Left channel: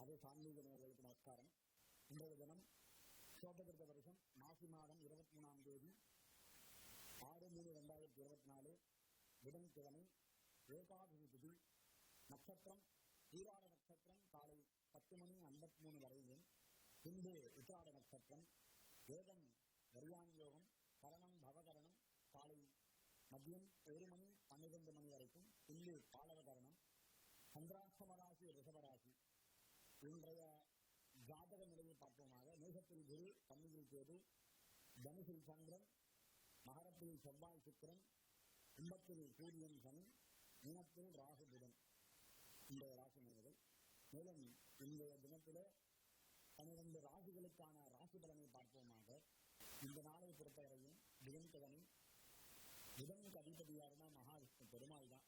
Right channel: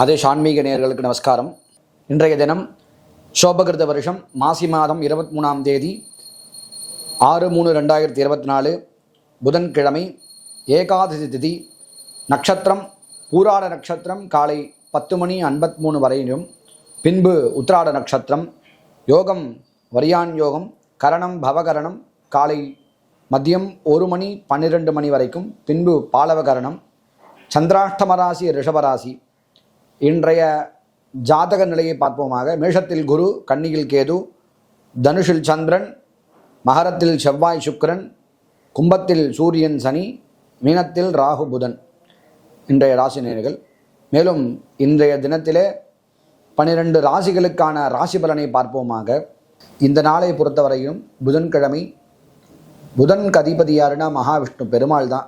ஆதேஷ் ஆன்மீக நேயர்களுக்கு நமஸ்காரம். இன்றைய தினம் சோபகிருத வருஷம் மாசி மாதம் 23ஆம் தேதி 6/3/2024 புதன்கிழமை, ஏகாதசி திதி, நட்சத்திரம் பூராட நட்சத்திரம் காலை 10:53 வரையிலும், பின்பு உத்திராட நட்சத்திரம், யோகம் வரியான் யோகம், கரணம் பவகரணம் காலை மதியம் 1:12 வரைக்கும், பின்பு பாலவகரணம், சந்திராஷ்டமராசி ரிஷபராசி. இன்றைய ஜாதக நிலையை பார்ப்போமாக. மேஷத்தில் குரு, கன்னியில் கேது, தனுஷில் சந்திரன், மகரத்தில் செவ்வாய் சுக்கிரன், கும்பத்தில் சூரியன் சனி, மீனத்தில் ராகு புதன் இன்றைய ராசி நேயர்கள். மேலும் இன்றைய தினத்திலே 12 ராசிகளுக்கான ராசி பலனை பார்ப்போமாக. இந்த நாளை பொறுத்தவரையும் புதன்கிழமை, புதனுக்கு அதிபதி யாருன்னா மகாவிஷ்ணு பெருமாள் தான்.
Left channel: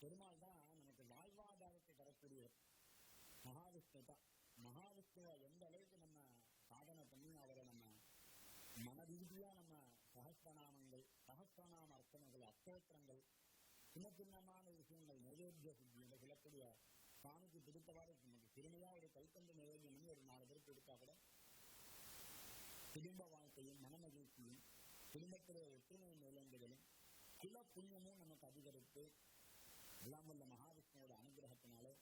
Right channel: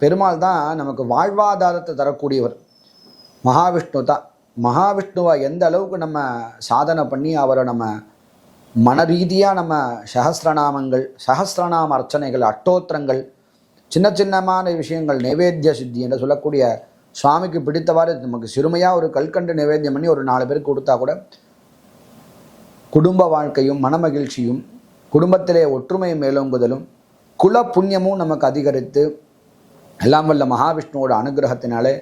பெருமாள் தான் நமக்கு வாழ்வாதாரத்தை தரக்கூடியவர். மகாவிஷ்ணு தான். மகாவிஷ்ணுவை எந்த அளவுக்கு நம்ம சாதனை பண்ணி அவரை நம்ம மன ரீதியாக நம்ம சஹஸ்ரநாமங்கள், சஹஸ்ரநாம அர்ச்சனைகள், அட்டோத்திரங்கள், சின்ன சின்னமான விஷயங்கள், நைவேத்திய சித்தி என்று சொல்லக்கூடிய சுவாமிக்கு பிடித்தவாறு நமக்கு சிறுமையாக ஒரு கல்கண்டு நைவேத்தியம் பண்ணி ஒரு 4 பேருக்கு கொடுத்தா கூட குடும்ப வாழ்க்கையும் மனமகிழ்ச்சியும், குடும்பத்திலே ஒற்றுமை மேலோங்குதலும், குல புண்ணியமும் நமக்கு அதிகரித்து எல்லாம் வல்ல மகாவிஷ்ணுவோட அனுகிரகத்தினாலே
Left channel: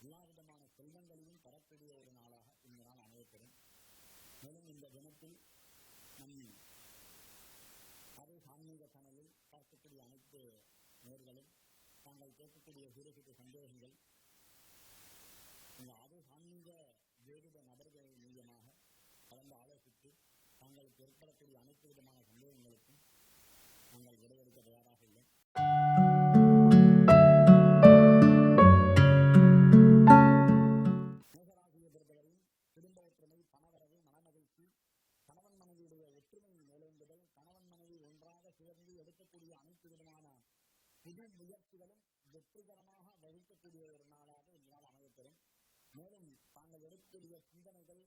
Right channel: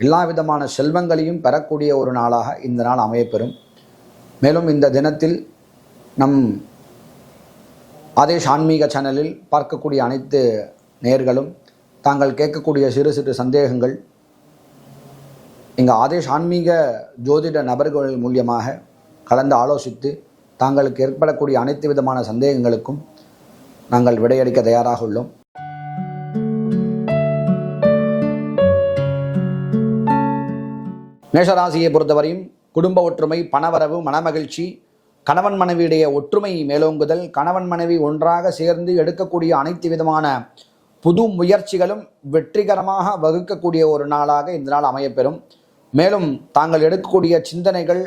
எல்லா விதமான செல்வங்களையும் பெறக்கூடிய ஒரு நாளாக இந்த நாள் அமையப்பெறும். மேலும் இந்த தினத்தில் நம் ஆதேஷ் ஆன்மீக சேனலில் பார்க்கக்கூடிய அனைத்து நேயர்களும் தாங்கள் கேட்கக்கூடிய சிறு சிறு சந்தேகங்கள் இங்கே ஆதேஷ் ஆன்மீக ஜோதிட நபர்கள் மூலியமாக கலந்து ஆலோசித்து தாங்களுக்கு ஏற்படக்கூடிய அனைத்து விதமான சந்தேகங்களுக்கும் நாங்கள் விடையளிக்க தயாராக உள்ளோம். மேஷராசியை பொறுத்தவரையும் குடும்ப ஒற்றுமை, பணவரவு, மனமகிழ்ச்சி, கணவன் மனைவியுடைய ஒற்றுமை மேலோங்குதல், கணவன் மனைவி ஒன்றாக சேர்ந்து எடுக்கக்கூடிய அனைத்து விதமான புது முயற்சிகளும் வெற்றிகரமாக வகுக்கக்கூடிய ஒரு நாளாக இந்த நாள் அமையப்பெறும். மேலும் தாங்கள் எடுக்கக்கூடிய சிந்தனைகள்,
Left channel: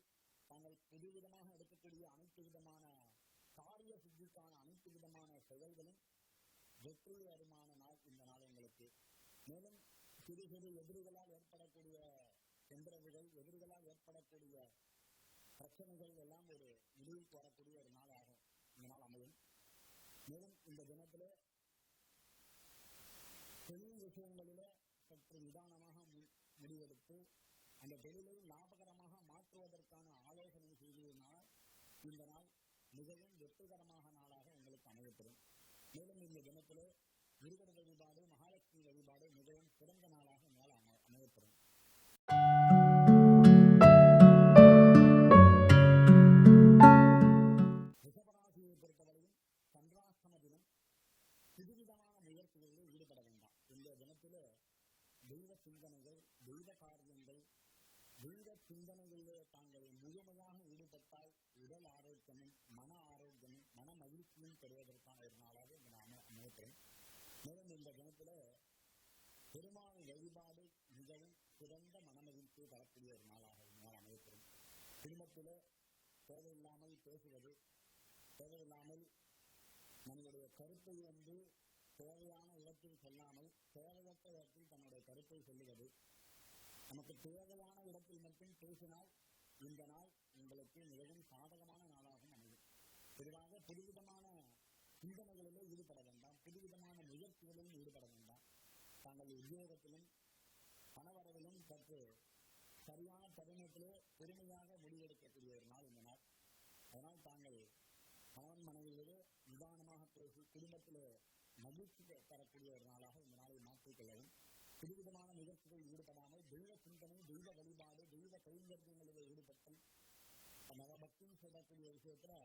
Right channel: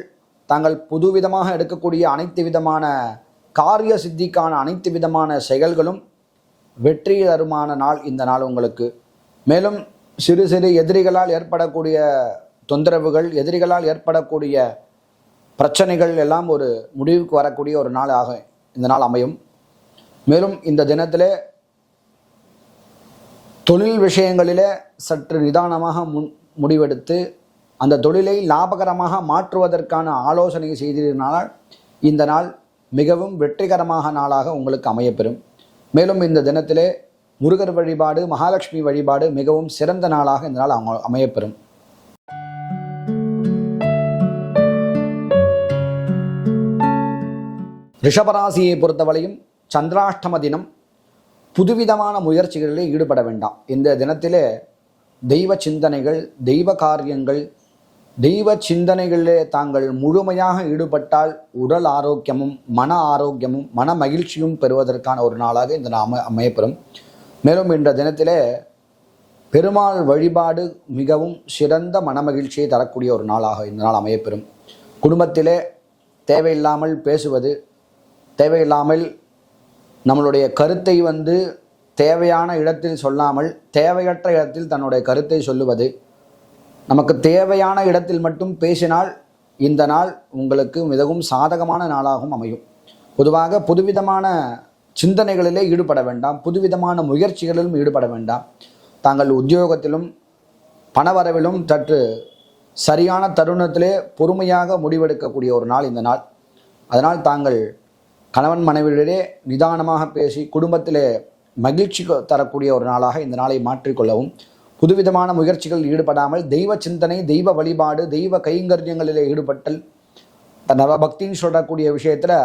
தாங்கள் புதுவிதமாக எடுக்கக்கூடிய அனைத்து விதமான காரிய சித்திக்கான அனைத்து விதமான செயல்களும் வெற்றி தருமான நாள் இந்த நாள் உங்களுக்கு. மேலும் சிறு சிறு எதிரிகளால் ஏற்படக்கூடிய தொந்தரவுகள், எதிரிகளால் ஏற்படக்கூடிய பிரச்சனைகள் எல்லாம் ஒரு முடிவுக்கு வரக்கூடிய ஒரு நாளாக இந்த நாள் அமையும். மேலும் இந்த தினத்திலே தொழில் விஷயங்களிலே சற்று நிதானமாக முடிவெடுத்து அந்த தொழிலை லாபகரமாக மாற்றுவதற்கான ஆலோசனை செய்திருந்தால் இந்த நாள் மிகவும் வெற்றிகரமாக நாளாக உங்களுக்கு அமையப்பெறும். மேலும் இந்த தினத்திலே முருகர் வழிபாடு, மகாலட்சுமி வழிபாடு மிகவும் சிறந்த நாளாக இந்த நாள் அமையப்பெறும். ரிஷபராசியை பொறுத்தவரையும் சந்திராஷ்டம தினம். புதுவிதமான முயற்சிகளில் ஈடுபட வேண்டாம். இந்த தினத்திலே தெய்வ சிந்தனைகள், தெய்வ காரியங்கள், தெய்வ சிந்தனைகளிலே தாங்கள் முழுமையாக ஈடுபட்டால் உடல் ஆரோக்கியமும் மன ஆரோக்கியமும் மன மகிழ்ச்சியும் பெறுவதற்கான ஒரு நாளாக இந்த அமையப்பெறும். மேலும் இந்த தினத்திலே பெருமாள் வழிபாடு மிகவும் சிறந்த மனமகிழ்ச்சியை தரக்கூடிய ஒரு நாளாக இந்த நாள் அமையப்பெறும். குடும்பத்திலே தேவையில்லாமல் பேசுவது, தேவையில்லாமல் நம்மளுடைய கருத்தை தேவையான இடத்தில் சொல்லாமல் தேவையற்ற இடத்தில் தன்னுடைய கருத்தை சொல்லுவது, நமக்கு தேவையான இடத்தில் மட்டும் பேசினால் இந்த நாள் உங்களுக்கு மிகவும் சாதகமான நாளாகவும் அமையும். பொதுவாக புதுவிதமான சிந்தனைகளிலே ஈடுபட வேண்டாம், புதுவிதமான முயற்சிகளிலும் ஈடுபட வேண்டாம். தாங்கள் உத்தியோகத்திலும் பணவரவிலும் சற்று சரியான தருணத்திலே பொறுமையாக முடிவெடுக்கக்கூடிய ஒரு நாள் இந்த நாள். அதனால் தாங்கள் கணவன் மனைவியிடையே நிதானமாக பேசி குடும்பத்திலே மகிழ்ச்சி தரக்கூடிய ஒரு நாளாக இந்த நாளை மாற்றிக்கொள்ளவும், புதுவிதமான முயற்சிகள் ஈடுபடாமல் தெய்வ சிந்தனை, தெய்வ வழிபாடு, தெய்வ கைங்கரியங்களிலே ஈடுபட்டல், நவபக்தின்னு சொல்லக்கூடிய விஷயத்தில்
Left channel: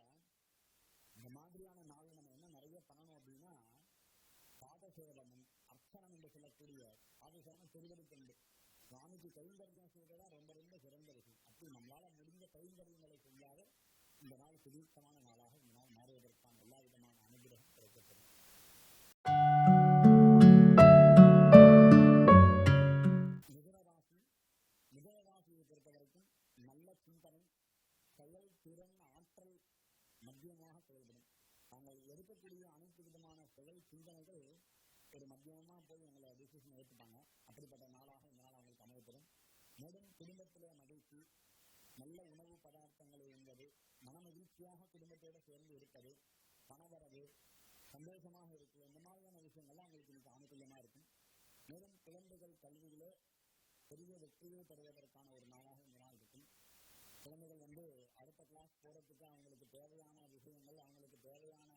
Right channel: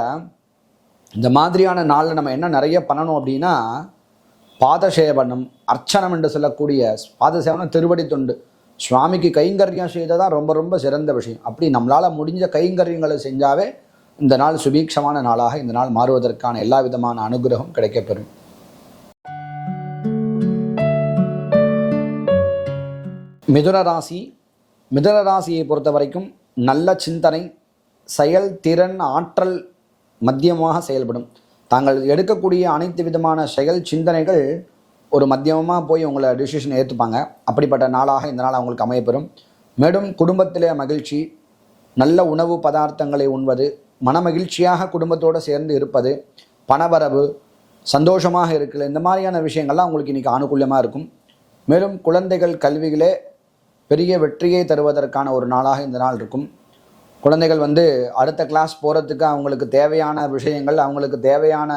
இந்த மாதிரியான நாளில் நம்ம என்ன நிறைய பண்ணணும் அப்படின்னா, பாதசேவனம், அர்ச்சனம் என்று சொல்லக்கூடிய பாதசேவனம், திருவடி தொண்டு, சுவாமிக்கு கைங்கரியம் செய்ததான் ரொம்ப ரொம்ப சிறந்த விஷயம். அப்படி நம்மளால் முடிஞ்ச கைங்கரியங்களை செஞ்சாவே இந்த நாள் சுபீட்சமான நாளாக இந்த நாள் மாறுவதற்கான எல்லா விதமான அனுகிரகம் கிடைக்கப்பெறும். மிதுன ராசி. மிதுன ராசியை பொறுத்த வரைக்கும் நல்ல சிந்தனை, செயல் திறன், ஆற்றல் மத்தியமாக செயல்படும். தாங்கள் எடுக்கக்கூடிய அனைத்து விதமான செயல் சிந்தனைகள் ஒரு மத்தியமாக போய் உங்களை டிசிஷன் ஏற்றுப்பாங்க. அப்படிப்பட்ட நாளாக இந்த நாள் அவங்களுக்கு அமையப்பெறும். மேலும் குடும்பத்திலே மகிழ்ச்சி, நல்ல உணவு பதார்த்தங்களை உண்பது, மனமகிழ்ச்சியாக குடும்பத்தோடு சேர்ந்து இருப்பது, பணவரவு, சந்தோஷமாக இருக்கல, இந்த மாதிரியான விஷயங்கள்லாம் உங்களுக்கு இன்றைக்கி அனுகூலமாக இருக்கும். மேலும் குழந்தைகள் கல்வியிலே பெரிய வெற்றியை தருவதற்கான ஒரு நாளாக இந்த நாள் இருக்கும். குழந்தைகள் அடுத்த கிளாஸ் போகிறதுக்கு அவங்களுக்கு தேவையான விஷயங்கள், அவங்களுக்கு தேவையான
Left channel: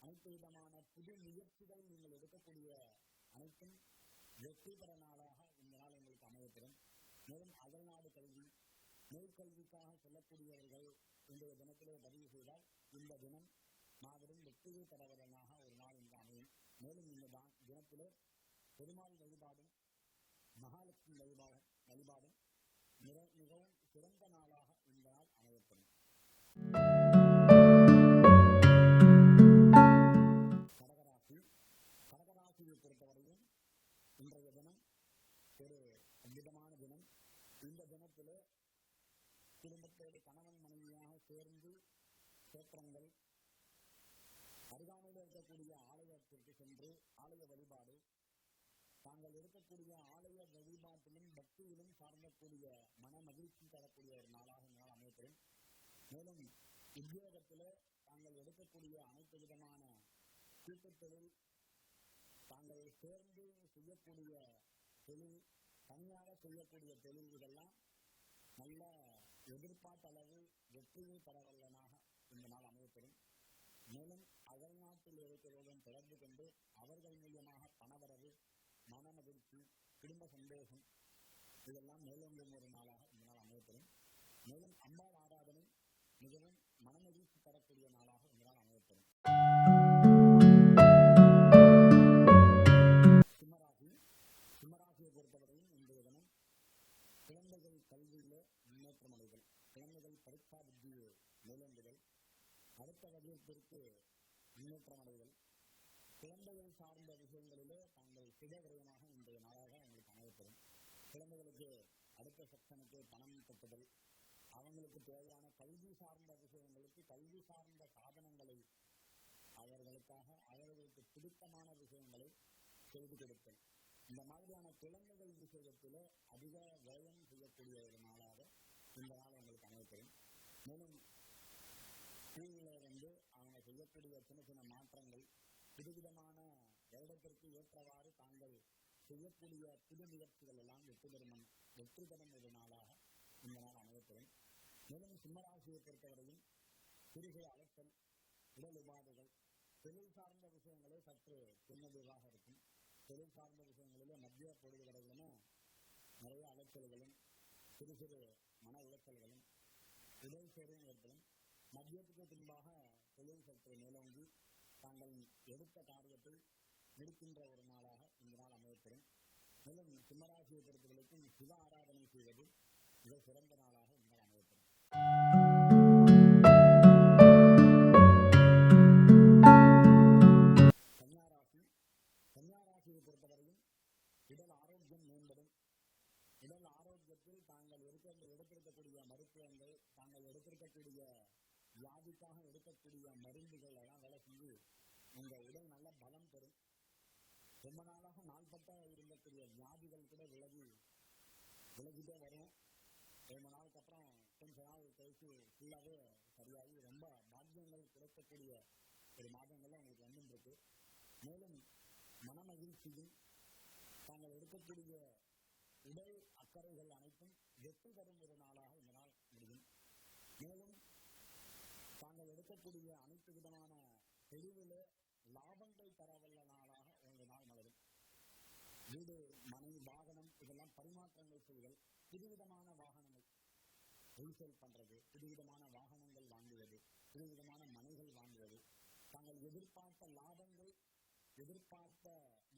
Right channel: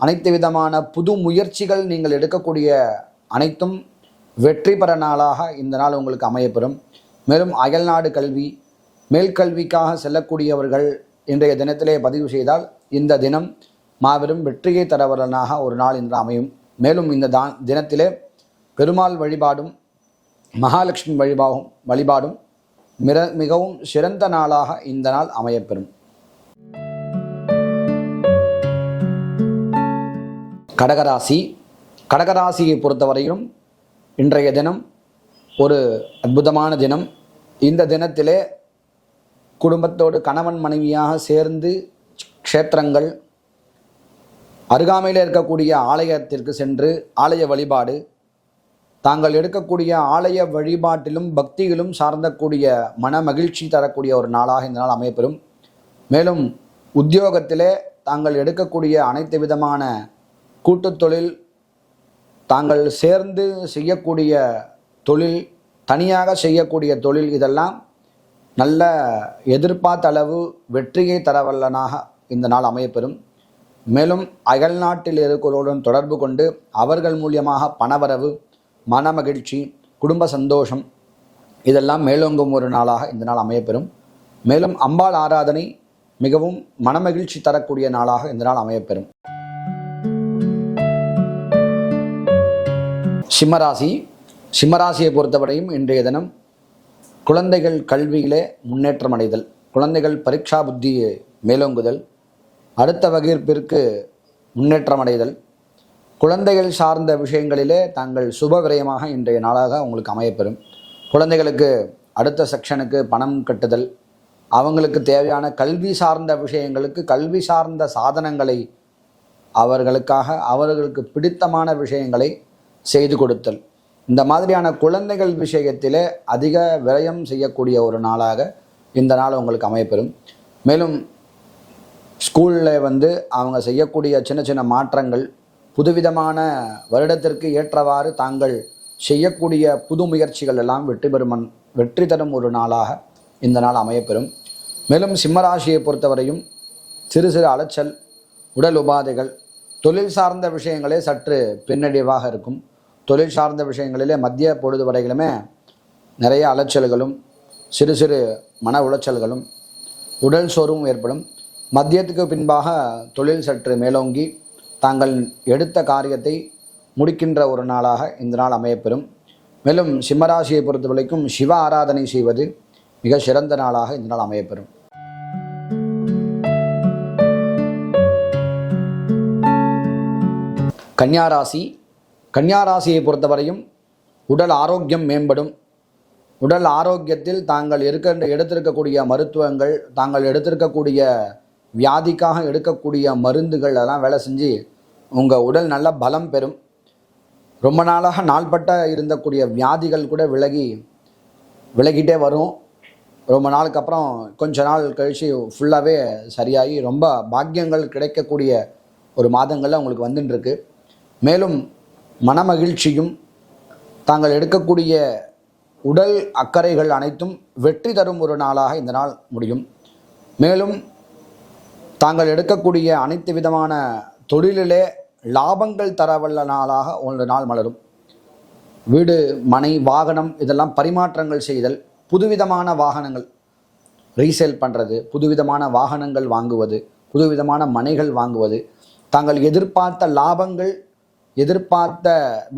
அனைத்து விதமான புது முயற்சிகள் நீங்கள் எடுக்கக்கூடிய அனைத்தும் வெற்றி பெற நாளாக இந்த நாள் உங்களுக்கு அமையப்பெறும். மேலும் அயல்நாடு கல்வி, மேல்கல்விக்காக செல்லக்கூடியவர்கள் இன்றைய தினத்திலே பதிவு செய்தால் இந்த தினம் மாபெரும் வெற்றியை தரவரனாக ஒரு நாள் இன்று அமையும். மேலும் இந்த தினத்திலே பெருமாள் வழிபாடும் மகாலட்சுமி வழிபாடும் மிகவும் சிறந்த நாளாக இந்த நாள் அமையப்பெறும். கடகராசியை பொறுத்தவரையிலும் இன்றைய தினம் ஒரு அற்புதமான தினம். இந்த தினத்திலே குடும்பத்தோடு கணவன் மனைவியாக சேர்ந்து க்ஷேத்திரங்கள், அருகாமையில் இருக்கக்கூடிய ஆலயத்திற்கு சென்று ஆலய வழிபாடு, தாங்கள் எடுக்கக்கூடிய ஆலய வழிபாட்டிலும் பக்தியிலும் சார்ந்தக்கூடிய மன மகிழ்ச்சி தரக்கூடிய ஒரு நாளாக இந்த நாள் அமையப்பெறும். மேலும் உத்தியோகத்திலே தாங்கள் எடுக்கக்கூடிய அனைத்து விதமான கூட்டுத் தொழில், தாங்கள் சேர்ந்து செய்யக்கூடிய தொழில், தனியாக செய்யக்கூடிய தொழில், இதெல்லாம் நல்ல எதிர்பார்த்த அளவு வெற்றியை தரவல்லனாக இந்த நாள் அமையப்பெறும். மேலும் அயல்நாட்டில் இருக்கிறவர்களுடன் தொடர்பு கொண்டு அவர்கள் மூலியமாக பணவரவு, மன மகிழ்ச்சி, குடும்ப சந்தோஷம் இதெல்லாம் மேலோங்கும் ஒரு நாளாக இந்த நாள் அமையப்பெறும். மேலும் அம்பாள் ஆராதனை மிகவும் மனமகிழ்ச்சி தரக்கூடிய நாளாக இந்த நாள் அமையப்பெறும். சிம்மராசியை பொறுத்தவரையும் இன்றைய தினம் குழந்தைகள் கல்வியிலே முன்னேற்றம் அடைதல், குழந்தைகள் பரீட்சா புத்தியை மேலோங்குதல், அடுத்த வகுப்பிற்கு முன்னேற்றம் அடைதல், குழந்தைகள் சார்ந்த விஷயங்களிலே தாங்கள் சுப விரயமாக இன்றைய நாளாக உங்களுக்கு அமையப்பெறும். குழந்தைகளுக்கு அடுத்த செக்ஷனுக்கு பணம் கட்டுதல், அவங்களுக்கு தேவையான கல்வி சார்ந்த விஷயங்களுக்கு கல்வி சார்ந்த சாதனங்களை அவர்களுக்காக அவர்களுக்கு பிடித்தமான விஷயங்களை செய்து கொடுத்தல், இந்த மாதிரியான குழந்தைகள் விஷயத்திலே அதிக விரயம் செய்யக்கூடிய ஒரு நாளாக இந்த நாள் உங்களுக்கு அமையப்பெறும். மேலும் ஸ்கூலில் அவங்க செய்யக்கூடிய சின்ன சின்ன மாற்றங்கள், புதுவிதமான வருடத்திற்கு ஏற்றவாறு தாங்கள் செய்யக்கூடிய புது முயற்சிகள் எல்லாம் வெற்றி தரும் ஒரு நாளாக இந்த நாள் அமையப்பெறும். மேலும் சிம்மராசியை பொறுத்தவரையும் சிறு சிறு அலைச்சல், உடல் உபாதைகள், தொழில் சார்ந்த விஷயங்களே சற்று பின்னடைவாக இருக்கும். தொழில் சார்ந்த விஷயங்களிலே மத்திய பொழுது வரைகளுமே நிறைய அலைச்சல்களும் சிறு சிறு மன உளைச்சல்களும் உடல் சோர்வும் ஏற்படும். மத்தியத்துக்கு பின்பாக தொழில் சற்று மேலோங்கி தாங்கள் எடுத்த காரியத்தை முடிக்கின்ற ஒரு நாளாக இந்த நாள் அமையப்பெறும். மேலும் சிம்மராசியை பொறுத்தவரைக்கும் சிவ ஆராதனை செய்வது மிக சிறந்த நாளாக இந்த நாள் அமையப்பெறும். கன்னியாராசியை பொறுத்தவரையும் உடல் ஆரோக்கியம் மேம்படும். உடல் ஆரோக்கியத்தில் தாங்கள் எடுத்திருக்கக்கூடிய மருத்துவங்கள், தாங்கள் எடுத்திருக்கக்கூடிய வியாதிக்காக எடுக்கக்கூடிய மருந்துகள் அதெல்லாம் வேலை செஞ்சு உங்கள் உடல் நல்ல பலம் பெறும். ரொம்ப நாளாக நாள்பட்ட இருந்தக்கூடிய வியாதிகள் கூட விலகிட்டே வரும். ரொம்ப நாளுக்கு அப்புறம் கொஞ்ச நாள் கழித்து ஃபுல்லாகவே சரியாகி ரொம்ப பாக்கியங்கள் கிடைக்கக்கூடிய ஒரு மாதங்களில் உங்களுக்கு வந்துட்டுருக்கு. மேலும் மனமகிழ்ச்சியும் தாங்கள் எடுக்கக்கூடிய உடல் அக்கறைகள் அனைத்தும் வெற்றி தரும் ஒரு நாளாக இந்த நாள் முடியும். மேலும் தாங்கள் எடுக்கக்கூடிய அனைத்து விதமான தொழிலிலே லாபங்கள் தரவல்ல நாளாக ஒரு நாள் மலரும். வீடு, மனை, வாகனம் இதெல்லாம் பரிமாற்றங்கள் செய்தல், புதுவிதமான வாகனங்கள் ரீசேல் பண்ணுறது, புதுவிதமான வாகனங்கள் வாங்குவது, புதுவிதமான மனைகள் வாங்குவது, தாங்கள் எதிர்பார்த்த லாபங்கள், எதிர்பார்த்த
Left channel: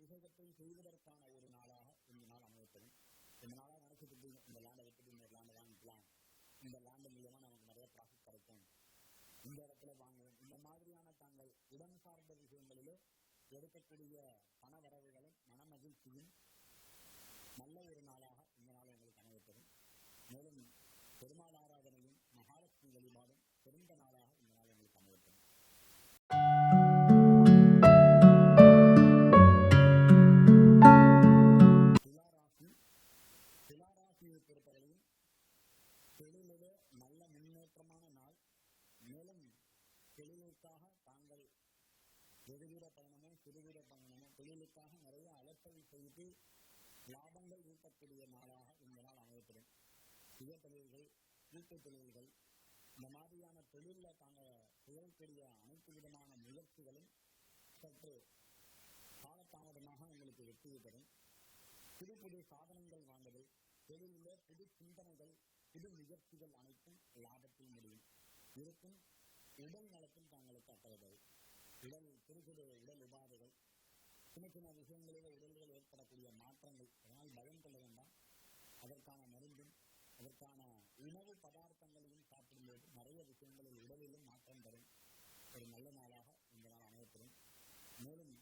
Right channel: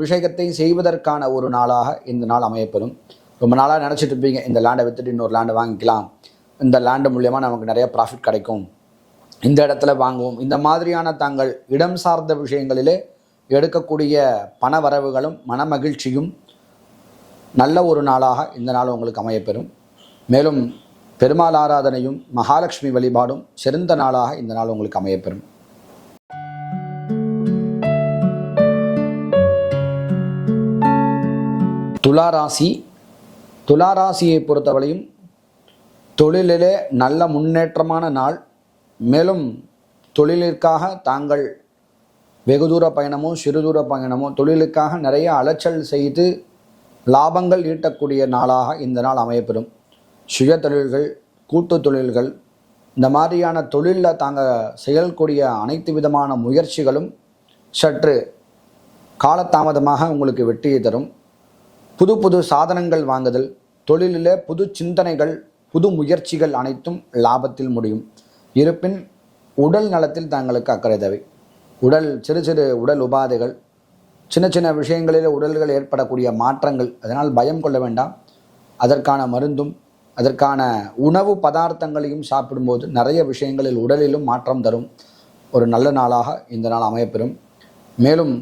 விஷயத்தை செய்வதற்கான ஒரு நாளாக இந்த நாள் அமையப்பெறும். ரொம்ப நாளாக நினச்சிட்டு இருப்பீங்க, இந்த லேண்டை விற்றுட்டு இன்னொரு லேண்டை வாங்கிக்கலாம், இந்த லேண்டு மூலியமாக நமக்கு நிறைய ப்ராஃபிட் கிடைக்கும், இந்த இடத்துல வாங்குவோம், இந்த மாதிரியான தாங்கள் இடம் சார்ந்த விஷயங்களிலே எடுக்கக்கூடிய பண வரவுகளும் மன மகிழ்ச்சியும் நல்ல ஒரு நாளாக இந்த நாள் உங்களுக்கு அமையப்பெறும். மேலும் பெருமாள் ஆராதனையும் மகாலட்சுமி வழிபாடும் சிறந்த நாளாக இந்த நாள் உங்களுக்கு அமையப்பெறும். துளாராசியை பொறுத்தவரையும் தொழிலிலே நல்ல முன்னேற்றமான நாள். மேலும் தொழிலிற்காக தாங்கள் வெகு தூர பயணமோ சிறு தூர பயணமோ தொழிலுக்காக நிறைய அலைச்சல் செய்து லாபங்கள் ஈட்டக்கூடிய நாளாக இந்த நாள் அமையப்பெறும். சுய தொழில்கள், கூட்டு தொழில்கள், இந்த மாதிரியான தொழிலில் தாங்கள் செயல்கூடிய அனைத்து விதமான முயற்சிகளும் சற்று காலதாமதமாக உங்களுக்கு வெற்றியை தரும். புது புது சாதனங்கள் வாங்குதல், தொழிலிலே புது சிந்தனைகள், புது முயற்சிகள் அனைத்தும் லாபத்தில் முடியும். இருப்பின் உடல் நலத்தில் தங்களுக்கு அக்கறை தேவை. சிறு சிறு உடல் உபாதைகள், சின்ன சின்ன விஷயங்களில் உடல்கள் ஏற்படக்கூடிய மாற்றங்கள், அதனால் பயம் கொள்ள வேண்டாம். அதற்கான மருந்தும் அதற்கான உணவு பதார்த்தங்களையும் சாப்பிடும்போது நிறைய விஷயங்களில் உடலிலும் மாற்றம் தரும் ஒரு நல்ல நாளாக இந்த நாள் அமையப்பெறும். மேலும்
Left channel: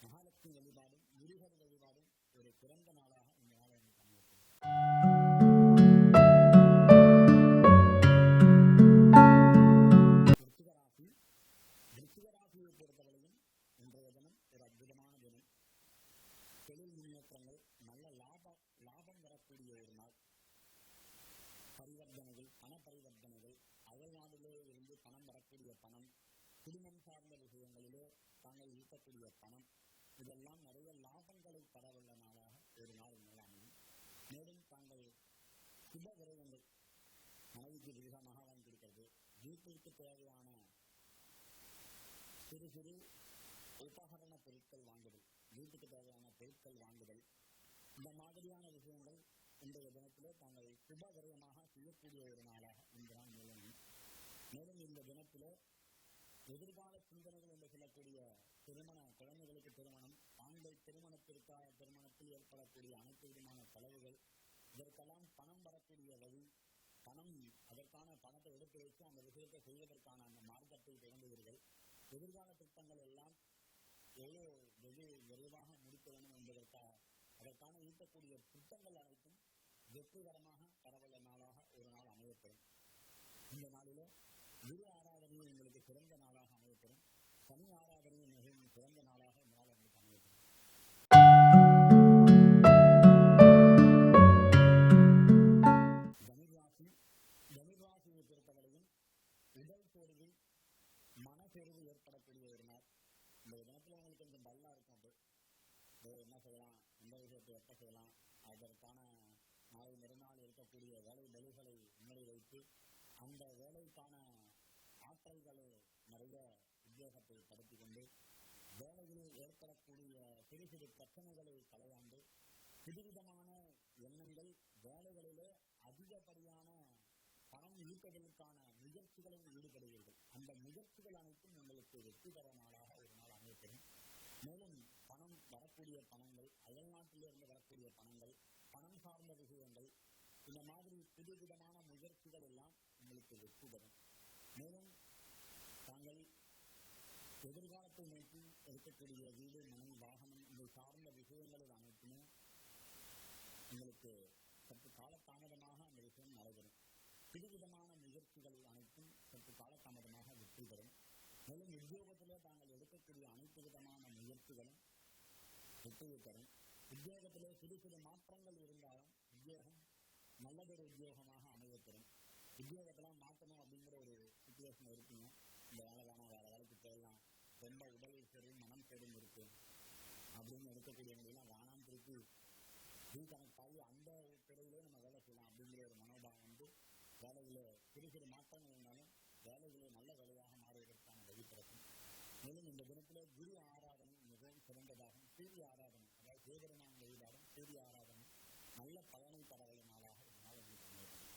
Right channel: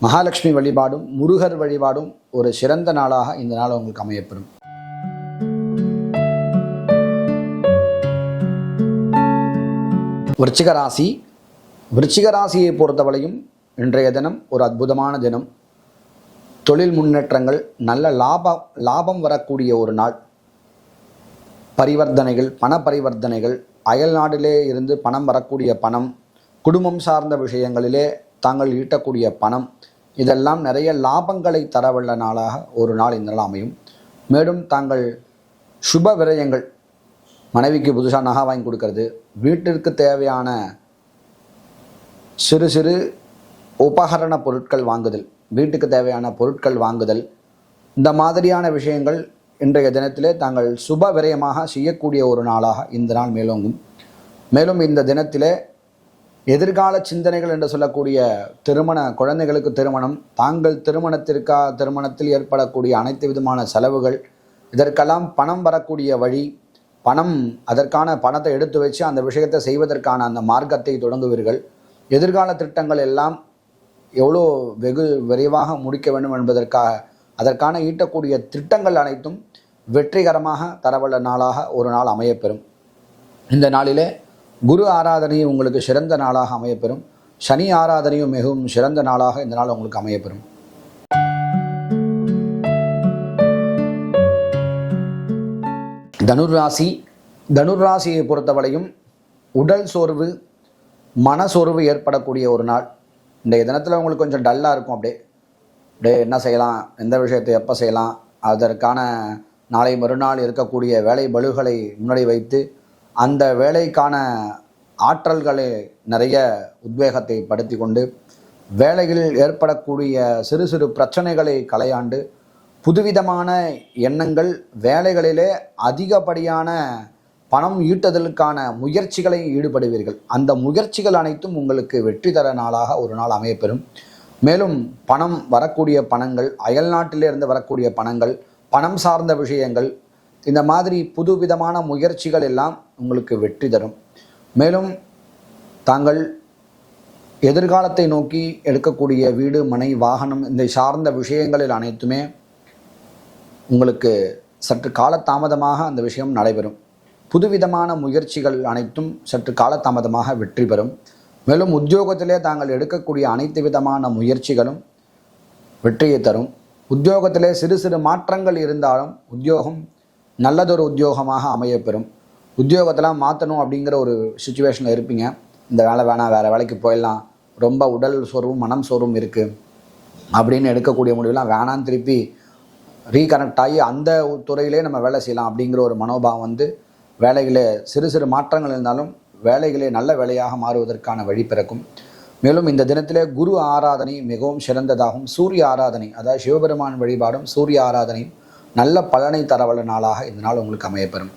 மகாலட்சுமி வழிபாடும் முருகர் வழிபாடும் ஒரு சிறந்த நாளாக இந்த நாள் உங்களுக்கு அமையப்பெறும். விருச்சிக ராசி. விருச்சிக ராசியை பொறுத்தவரையும் இன்றைய தினம் ஒரு அற்புதமான தினம். தொழில் முன்னேற்றங்கள், நல்ல லாபம் வரக்கூடிய ஒரு நாள். பரிவர்த்தனைகள், பண பரிவர்த்தனைகள், அயல் நாட்டிலே இருந்து பணம் வரக்கூடிய பணம், குடும்பம் சார்ந்த விஷயங்களிலே தாங்கள் ஈட்டக்கூடிய பணம், இதெல்லாம் நிறைய லாபங்களை தரவல்ல நாளாக ஒரு நாள் இந்த நாள் அமையும். மேலும் தாங்கள் சுப விரயங்கள், மனைவிக்கு புதுசாக நகை வாங்கி கொடுக்கறது, வீட்டிற்கு தேவையான சிறு சிறு உபகரண பொருட்கள் வாங்குதல், வீட்டுக்கு தேவையான பொருட்கள் வாங்குதல், இந்த மாதிரியான விஷயங்கள் இன்றைய தினத்திலே தாங்கள் சுப விரயமாக செய்யக்கூடிய ஒரு நாளாக இந்த நாள் மேலோங்கும். மேலும் இந்த தினத்திலே எதிர்கால சிந்தனைகள் என்று சொல்லக்கூடிய குழந்தைகளுக்கு திருமணம், தாங்கள் திருமணத்தில் ஏற்படக்கூடிய அனைத்து விதமான செலவுகள், இதற்கெல்லாம் பணம் வரக்கூடிய வழி, அதற்கான பணத்தை எடுத்து வச்சு அந்த விஷயத்தை செய்வதற்கான அந்த மார்க்கத்தை தொடங்குவீர்கள். எதிர்கால திட்டங்கள் எல்லாம் எவ்வளோ வெகு விரைவாக முடிக்க வேண்டும் என்பதற்காக அதற்கான ஈட்டக்கூடிய திட்டங்கள் அனைத்தும் வெற்றிகரமாக தரவல்ல நாளாக ஒரு நாள் அமையப்பெறும். இந்த நாளிலே குரு ஆராதனையும் உங்களுக்கு சிறந்த நாளாக அமையப்பெறும். சனி ஆராதனையும் மிகவும் சிறந்த நாளாக இந்த நாள் உங்களுக்கு அமையப்பெறும். தனுர்ராசி. தனுர்ராசியை பொறுத்தவரையும் உடல் சோர்வு, மனசோர்வு ஏற்படக்கூடிய ஒரு நாள். இன்றைய தினத்தில் உங்களுக்கு கொஞ்சம் டல்லாக இருக்கும். அப்படியே என்ன செய்யலாம், எந்த விஷயத்தை எப்போ செய்யலாம், அதற்கான நாளை மறுநாள் இருக்கக்கூடிய வேலை பளுகளை முன்னாடி வைத்து அந்த வேலைக்கான ஆற்றல்களை நிறைய உத்வேகத்தை படுத்தி கொண்டு வேலையில் ஏற்படக்கூடிய சிறு சிறு பிரச்சனைகளை களையாண்டு புதுவிதமான எண்ணங்கள், வேலைகளிலே அதிகப்படியான பணம் ஈட்டுதலுக்கான முயற்சிகளை ஈடுபடுவீர்கள். அந்த முயற்சிகள் அனைத்தும் உங்களுக்கு வெற்றி தர நாளாக ஒரு நாள் அமையப்பெறும். மேலும் வரக்கூடிய பணங்கள், அயல்நாட்டிலிருந்து வரக்கூடிய பணங்கள், பணம் சார்ந்த விஷயங்கள், இந்த மாதிரி புதுவிதமான முயற்சிகள் எல்லாம் உங்களுக்கு வெற்றி தரும். மேலும் தாங்கள் எதிர்காலத்தை நோக்கி எடுக்கக்கூடிய வீடு, மனை, வாகனம், இந்த சார்ந்த விஷயங்களில் அனைத்துமே உங்களுக்கு சற்று காலதாமதமாக அந்த விஷயம் நடைபெறும். புதுவிதமான முயற்சிகள் அனைத்தும் சற்று காலதாமதமாக வெற்றி பெறும். மேலும் உத்தியோகத்திலே தாங்கள் எடுக்கக்கூடிய அனைத்து விதமான முயற்சிகளும் வெற்றியை தரும். உத்தியோகத்திலே சிறு சிறு மாற்றங்கள் இருந்தாலும் உத்தியோகம் நல்லதொரு உத்தியோகமாக அமையப்பெறும். உத்தியோகத்தெல்லாம் மாற்றணும் அப்படிங்கிற ஒரு சுச்சுவேஷனில் இருப்பீங்க. இந்த வேலை வேணாம், வேறு வேலைக்கு போயிடலாம், ரொம்ப உடல் சோர்வும் மனம் சோர்வும் இருக்குது அப்படின்னு எடுக்கக்கூடிய முடிவுலாம் வேணான்னு திருப்பி ரீகனெக்ட் ஆகி அந்த துறையிலே நம்ம வேலை செய்யலாம் அப்படிங்கிற ஒரு மனோபாவம் வேலைகளே சிறு சிறு மாற்றங்கள் இருந்தாலும் வேலைகளே நல்ல வேலையாக மாறுவதற்கான வழி பிறக்கும். மேலும் இந்த தினத்திலே குரு ஆராதனை மிகவும் சிறந்ததாகும். சூரிய ஆராதனை, அதாவது சிவபெருமான் வழிபாடும் சூரிய ஆராதனையும் நல்ல பலனை தரவல்ல நாளாக இந்த நாள் உங்களுக்கு அமையப்பெறும்.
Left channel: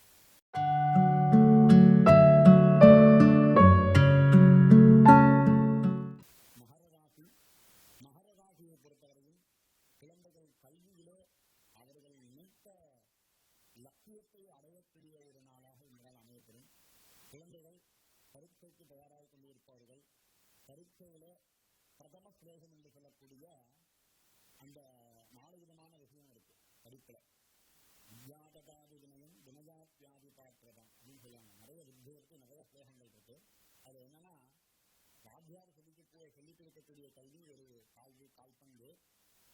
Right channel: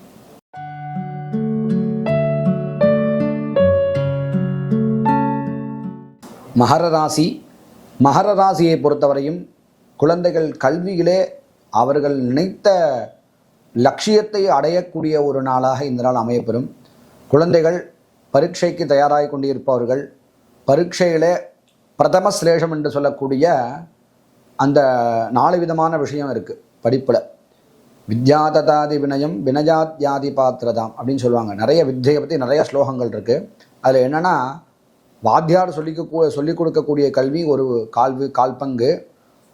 மகர ராசி. மகர ராசியை பொறுத்தவரையும் குழந்தைகள் கல்வியிலே அவர்கள் நினைத்த லட்சியத்தை அடையக்கூடிய ஒரு நாளாக இந்த நாள் அமையப்பெறும். குழந்தைகள் பரீட்சைக்கு தயாராகி கொண்டிருப்பவர்கள், பரீட்சையிலே பிரதம சிலேஷம் என்று சொல்லக்கூடிய அந்த 4 விதமான விஷயம் இருக்குது படிப்பில். வித்யாததாதி வினயம் வினயாத்யாதி பாத்திரதாம் அப்படின்னு சொல்லுவாங்க. நிறைய வித்தியை பற்றி நிறைய ஸ்லோகங்கள் இருக்குது. அதில் என்னென்னா, வாத்தியார் சொல்லிக் கொடுக்கக்கூடிய கல்வி ஒரு கால் பங்கு,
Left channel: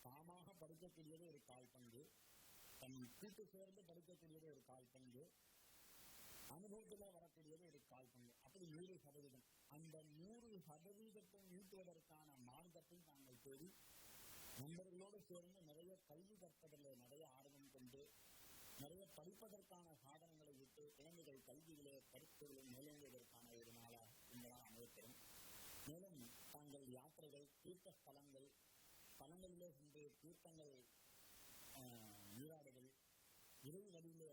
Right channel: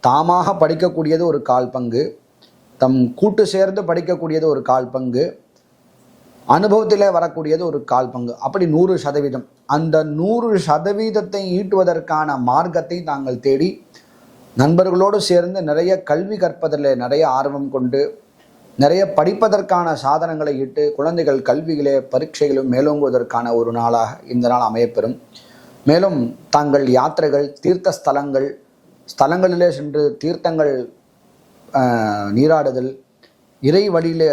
தாமாக படிக்கக்கூடியது ஒரு கால் பங்கு, தம் கூட்டு சேர்ந்து படிக்கக்கூடியது ஒரு 1/4 பங்கு, அனுபவத்திலே வரக்கூடியது ஒரு 1/4 பங்கு, அப்படி 100%. அந்த 100%ஐ ஈட்டுவதற்கான மார்க்கத்தை தாங்கள் தேடி நண்பர்களோடு சேர்ந்து நிறைய கல்வி கற்பதில் நிறைய ஆர்வம் கொண்டு நிறைய படிப்பதற்கான சாதனங்களை இட்டு குழந்தைகள் கல்வியிலே பரீட்சைகளும் மேலோங்குவதற்கான ஒரு நாளாக இந்த நாள் அமையப்பெறும். மேலும் தாங்கள் யாத்திரைகள், தீர்த்த ஸ்தலங்களிலே சென்று தீர்த்தங்கள் நீராடுதல், இறை வழியிலே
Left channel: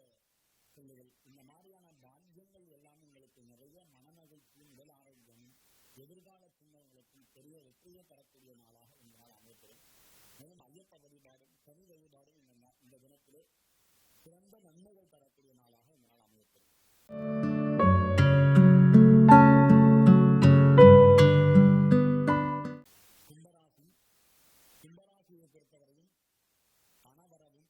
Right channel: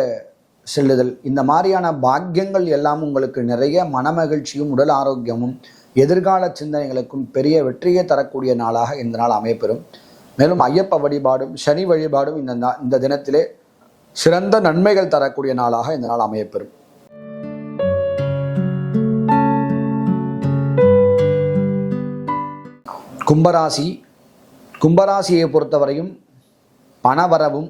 செல்லுதல், இந்த மாதிரியான பாக்கியங்கள் எல்லாம் உங்களுக்கு நிறைய மனமகிழ்ச்சியும் உடல் ஆரோக்கியமும் எதிர்கால சிந்தனைகளுக்கும் பெரிய வெற்றியை தரக்கூடிய நாளாக இந்த நாள் அமையப்பெறும். மேலும் ஐயப்ப வழிபாடும் சனி வழிபாடும் இந்த தினத்திலே சிறந்த நன்மைகள் தரக்கூடிய நாளாக இந்த நாள் அமையப்பெறும். கும்பராசியை பொறுத்தவரையும் பணவரவும்,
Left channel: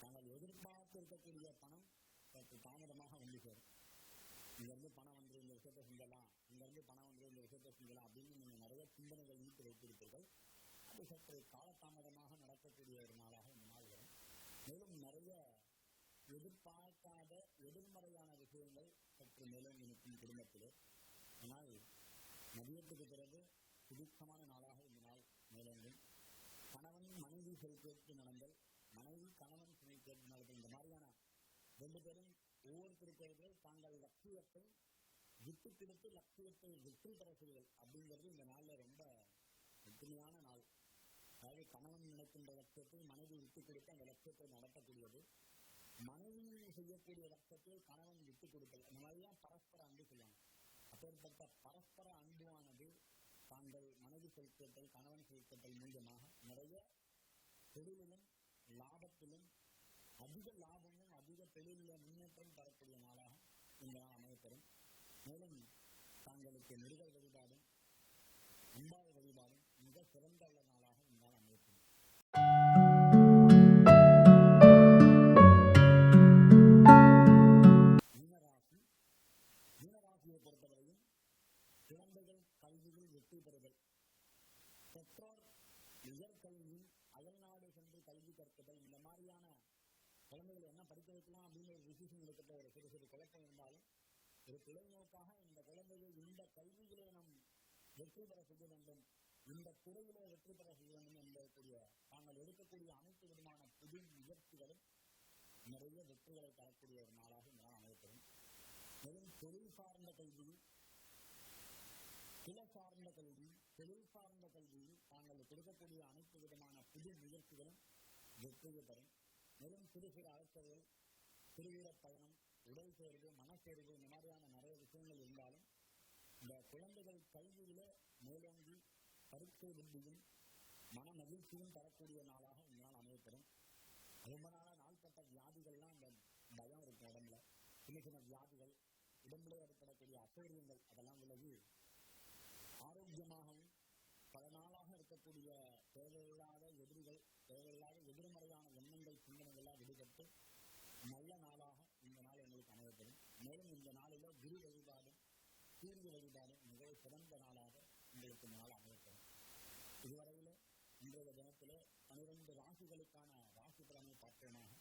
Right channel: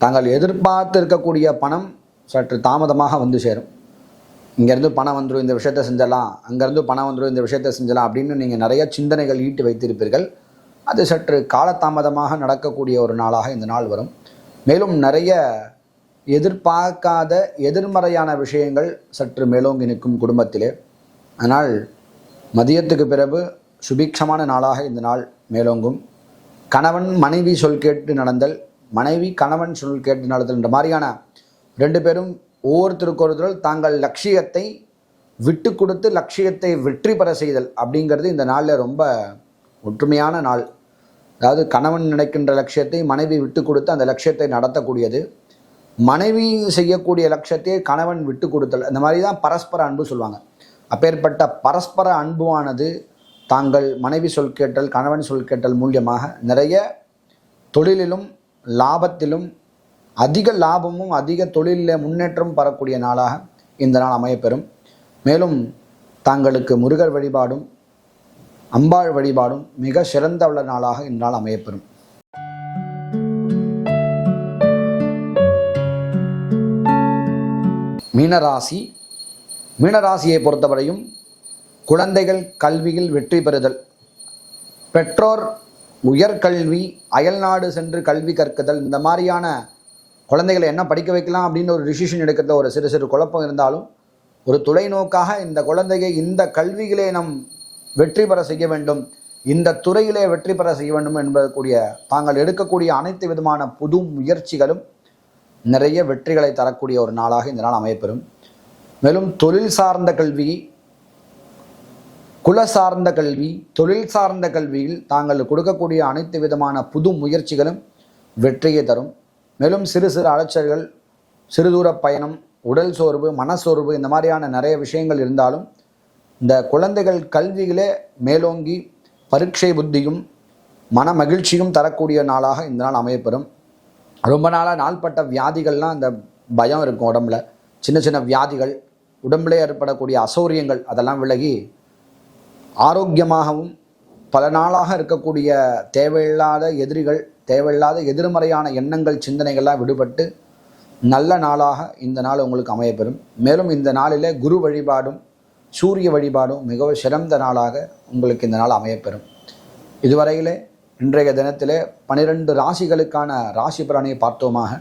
தாங்கள் எதிர்பார்த்து இருக்கக்கூடிய பணம் சற்று தாமதமாக வந்து சேரும். இங்கேருந்து பணம் வந்துடும், இந்த விஷயத்தை செஞ்சலாம், அங்கேருந்து பணம் வந்துடும், இந்த விஷயத்தை செஞ்சலாம் அப்படின்னு நீங்கள் நிறைய சிந்தனைகள் ஈட்டி வைத்திருப்பீர்கள். அது சற்று காலதாமதமாக நடக்கக்கூடிய ஒரு நாளாக இந்த நாள் வரும். மேலும் நிறைய எதிர்பார்க்காத எதிர்மறையான விஷயங்கள் சற்று மேலோங்கி நிற்கும் குடும்பத்திலே. அதனால் மதியத்துக்கு பிறகு சுபிக்ஷமான நாளாக இந்த நாள் மேலோங்கும். கணவன் மனைவி சொல் கேட்டு நடந்தல், மனைவி கணவன் சொல் கேட்டு நடந்தல் என்ற மாதிரியான 2 பேரும் ஒவ்வொருத்தருக்கொருத்தர் தாங்கள் லட்சியத்தை விட்டு கொடுத்து லட்சியத்தை வெற்றி பெற செய்தல் அப்படிங்கிறது இந்த நாளில் ரொம்ப ஒற்றுமையான நாள். அதாவது கணவன் நினைக்கின்ற லட்சியத்தை மனைவி விட்டு கொடுத்து அந்த லட்சியத்தை நடத்தக்கூடியது, மனைவி செய்யக்கூடிய லட்சியத்தை கணவன் விட்டு கொடுத்தல், இந்த மாதிரி தான் பரஸ்பர அன்பு சொல்லுவாங்க. அப்பேற்பட்ட பரஸ்பர அன்புவானது தாங்கள் மனைவி சொல் கேட்டல் கணவன் சொல் கேட்டல் மூலியமாக நிறைய தொழிலிலும் லாபத்திலும் அதிக லாபமும் அதிக தொழிலில் முன்னேற்றம் பெறக்கூடிய நாளாக இந்த நாள் அமையப்பெறும். மேலும் தாங்களுக்கு முருகர் வழிபாடும் அம்பாள் வழிபாடும் மிக சிறந்த உள்ள நாளாக இந்த நாள் அமையப்பெறும். மீனராசியை பொறுத்தவரையும் குழந்தைகள் கல்வியில் வெற்றி பெறுதல், பெற்றோர் உயர்கல்வி, அயல்நாடு சென்று கல்வி கற்குதல், இந்த மாதிரியான குழந்தைகளை என்ன படிக்க வைக்கலாம் அப்படின்னு ஒரு டிசிஷன் எடுக்கிறத ஒரு சிறு குழப்பம் இருந்தாலும் ஒரு தொலைநோக்காக இந்த குழந்தையை இந்த கல்வியிலே நம் வெற்றி பெற செய்ய வேண்டும், இந்த துறையிலே வெற்றி பெற செய்ய வேண்டும் என்பதற்குரிய தாங்கள் எடுக்கக்கூடிய அனைத்து விதமான புது முயற்சிகளும் நிறைய வெற்றிகளை தரக்கூடிய ஒரு நாளாக இந்த நாள் அமையப்பெறும். மேலும் தொழில் சார்ந்த கல்வி, குல சார்ந்த கல்வி, தொழில் சார்ந்த கல்வியில் தாங்கள் கொடுக்கக்கூடிய அனைத்து விதமான புது முயற்சிகளும் வெற்றியை தரும். மேலும் சிறு அலைச்சல்கள், சிறுதூர பயணம், உடல் சோர்வு, மனசோர்வு, இந்த மாதிரியான நிறைய விஷயங்கள் இருந்தாலும் இந்த குழந்தைகள் கல்வியிலே மேலோங்கி பரீட்சை புத்தியும் மன மகிழ்ச்சியும் தரக்கூடிய நாளாக இந்த நாள் அமையப்பெறும். ரொம்ப நாளாக நாள்பட்ட வியாதிகள்லாம் அந்த பயம் இருக்கும், உடம்புல சின்ன வியாதிகள், உடம்புலே ஏற்படக்கூடிய அசௌரியங்கள் அதெல்லாம் விலகி ஆரோக்கியமாகவும் பல நாளாக இருக்கக்கூடிய தேவையில்லாத எதிரிகள், தேவையில்லாத எதிர்மறையான எண்ணங்கள், சிந்தனைகள்லாம் விடுபட்டு நல்ல நாளாக இந்த நாள் உங்களுக்கு அமையப்பெறும். மேலும் இந்த நாளிலே குரு வழிபாடும் சூரிய வழிபாடும் மிகவும் சிறந்த நாளாக உங்களுக்கு இந்த நாள் அமையப்பெறும். இதுவரையிலே இன்றைய தினத்திலே 12 ராசிகளுக்கான ராசி பலனை பார்த்தோமாக.